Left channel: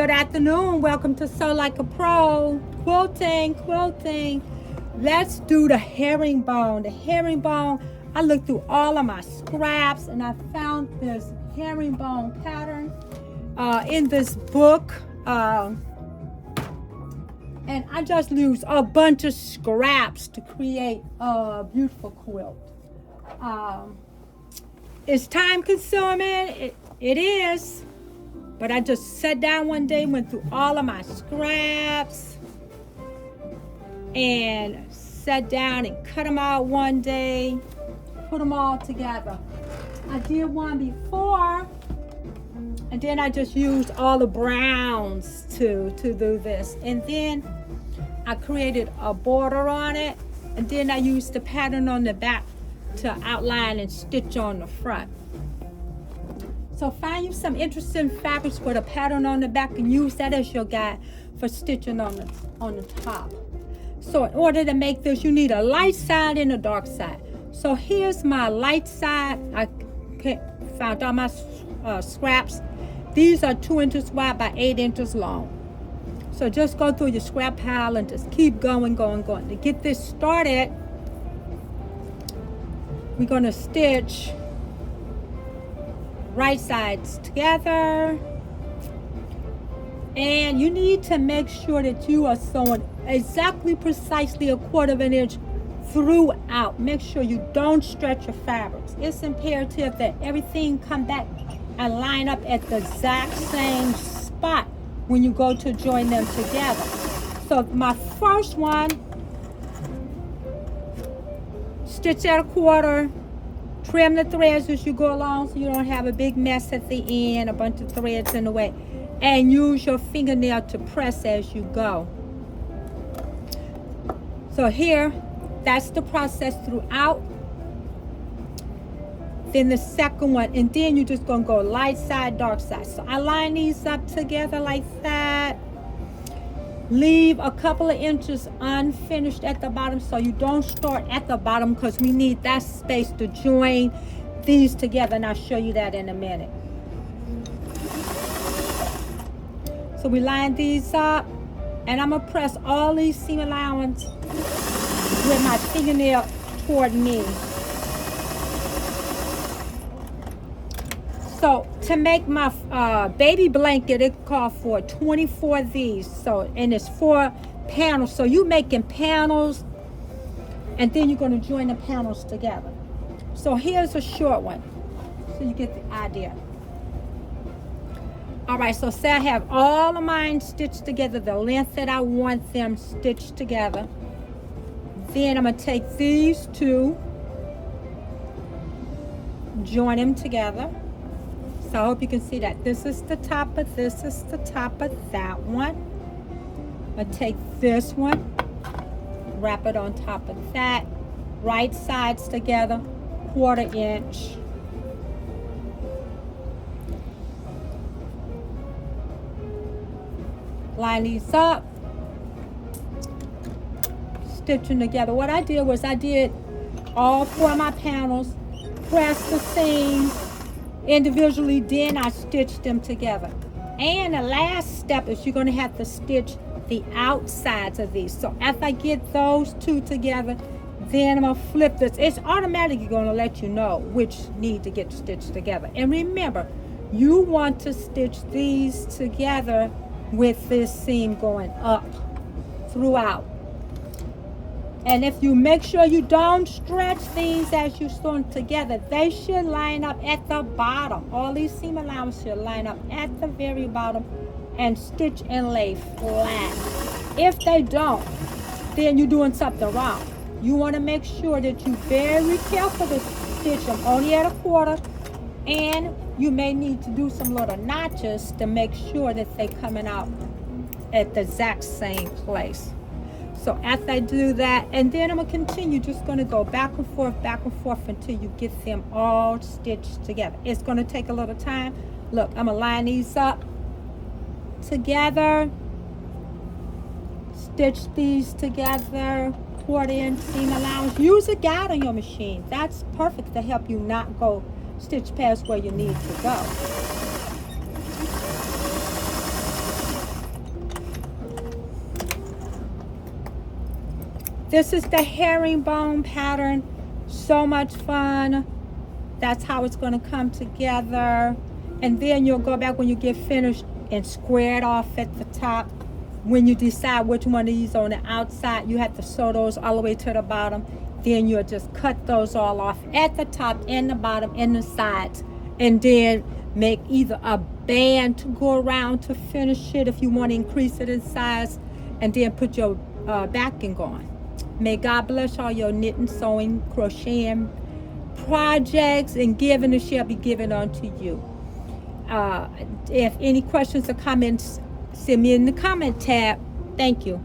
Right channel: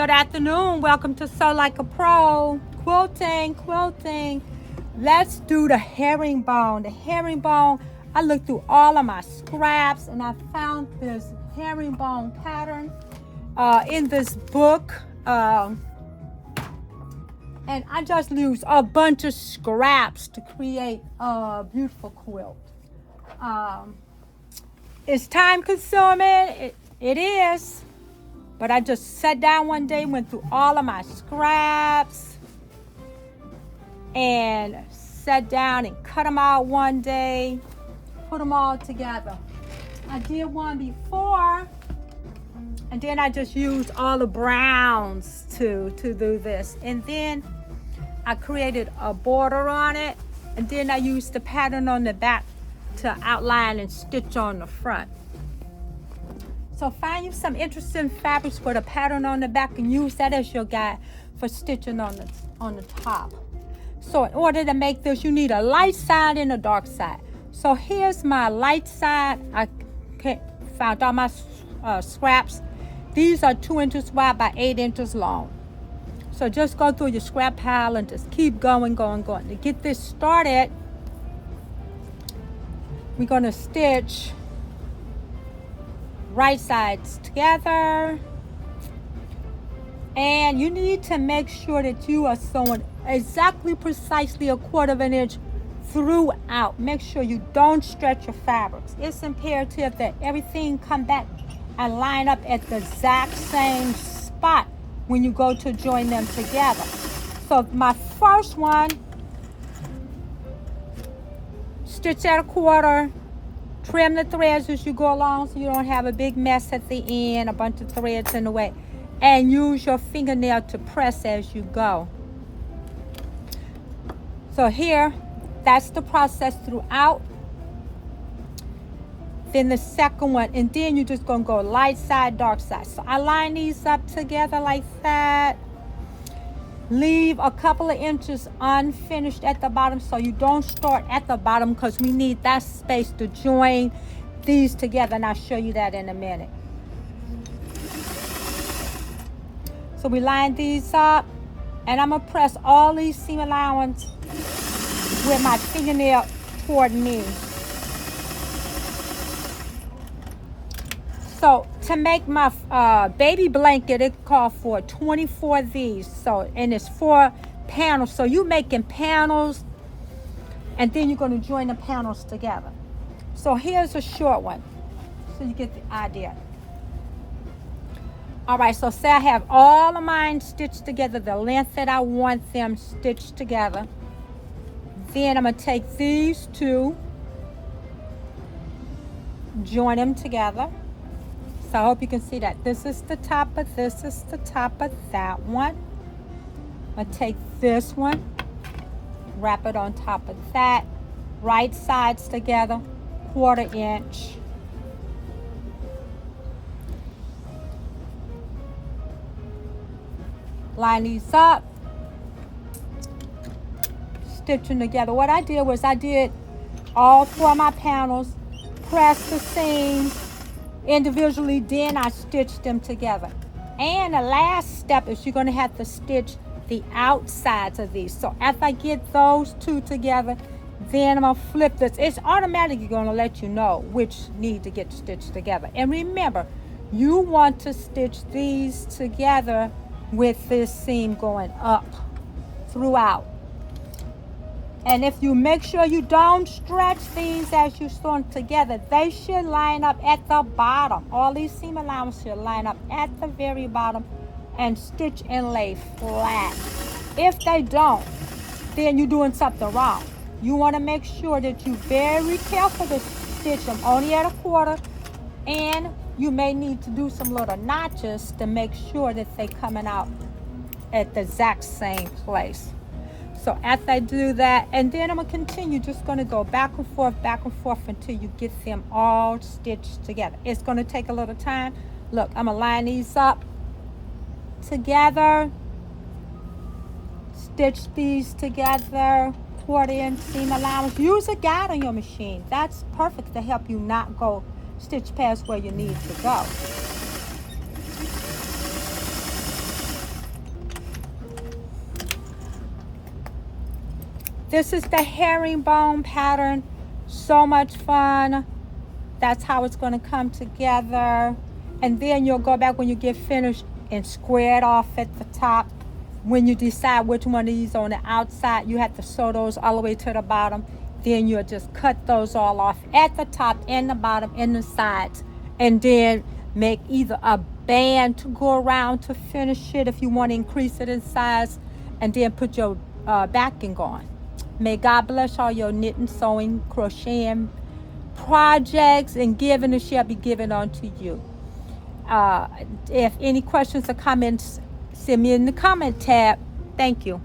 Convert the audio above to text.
Good afternoon. Welcome to Sew Like a Pro. Quilting. Let's do the herringbone. The herringbone, I looked through all of my scraps and I found this herringbone pattern in this book. And I just used a bunch of scraps to create a beautiful quilt. It's time consuming. It is. But I just sat down one day, went through all of my scraps, and sat down and cut them out one day, put them all together. I did one before, and then I just used all the browns to do this. And then I created a border on it, and then I used the pattern on the back to outline and stitch on the front. So find you some interesting fabrics for the pattern on the back and use that as your guide for stitching on the top. So in order to make this, you need a light side and a dark side. So here's my light side. I found all my scraps. These are 2 inches wide by 8 inches long. So just go through your scrap pile and just keep going. To get this started, we're going to stitch right sides together, and you need to make sure that you are sewing exactly precisely 1/4 inch throughout. Make sure you don't stretch your fabrics. It's imperative that everything come back and line up at the exact same spot when you go to join them together. So my first one, stitch at 1/4. Trim the threads as you go along so you don't have a big mess at the end, a bunch of threads in the way. And use your fingernail to press as you go. So here, that's the process throughout. Then the second one, and then you're just gonna go light side, dark side. So I line these up together like that. Leave a couple of inches unfinished at the bottom so you don't start at the bottom, because we need that space to join these together, and I'll show you that in a minute. So we line these up, and I'm gonna press all these seam allowance with my fingernail toward me. So to make my baby blanket, it called for 24 of these. So, and it's 4 panels. So you're making panels, and then you're going to join the panels together. So here's a short one, so you get the idea. All right, so say I have all of mine stitched together, the length that I want them stitched together. Then I'm going to take these two, join them together. So I hope you can see that. This is the top of this is the top of that one. I'm going to take this one, wrap it on top of that. Right sides together, 1/4 inch. Line these up. Stitch them together. What I did was I did all 4 of my panels, pressed the seams individually, then I stitched them together. And the last step is you're going to have to stitch the outsides of these. So after I get those two together, then I'm going to flip this. It's automatically going to let you know which need to get stitched together. And remember, you want to stitch these together with this seam going up throughout. And if you make sure you don't stretch these as you sew them together, they should line up at the bottom. All these seam allowances should line up at the very bottom and stitch and lay flat. If they don't, then you're doing something wrong. You want to make sure that you're very careful to stitch them only at 1/4, and you may need to do some little notches to make sure that they're coming out at the exact same place. So after I do that, and then I'm going to continue, just going to go back and forth until you get them all stitched together. It's going to take a little time. Look, I'm going to line these up together, stitch these together, 1/4 inch seam allowance. Use a guide on your machine. That's perfect to help you not go stitch past where you need to go. This is the herringbone pattern. So much fun. That's how it's going to come together. And then you'll go back when you get finished and square it off at the top. When you decide which one of these on the outside, you have to sew those all the way to the bottom. Then you'll just cut those all off at the top and the bottom and the sides. And then make either a band to go around to finish it if you want to increase it in size. And then put your backing on. May God bless all your knitting, sewing, crocheting projects, and giving, it shall be given unto you. If any questions or comments, send me in the comment tab. Thank you.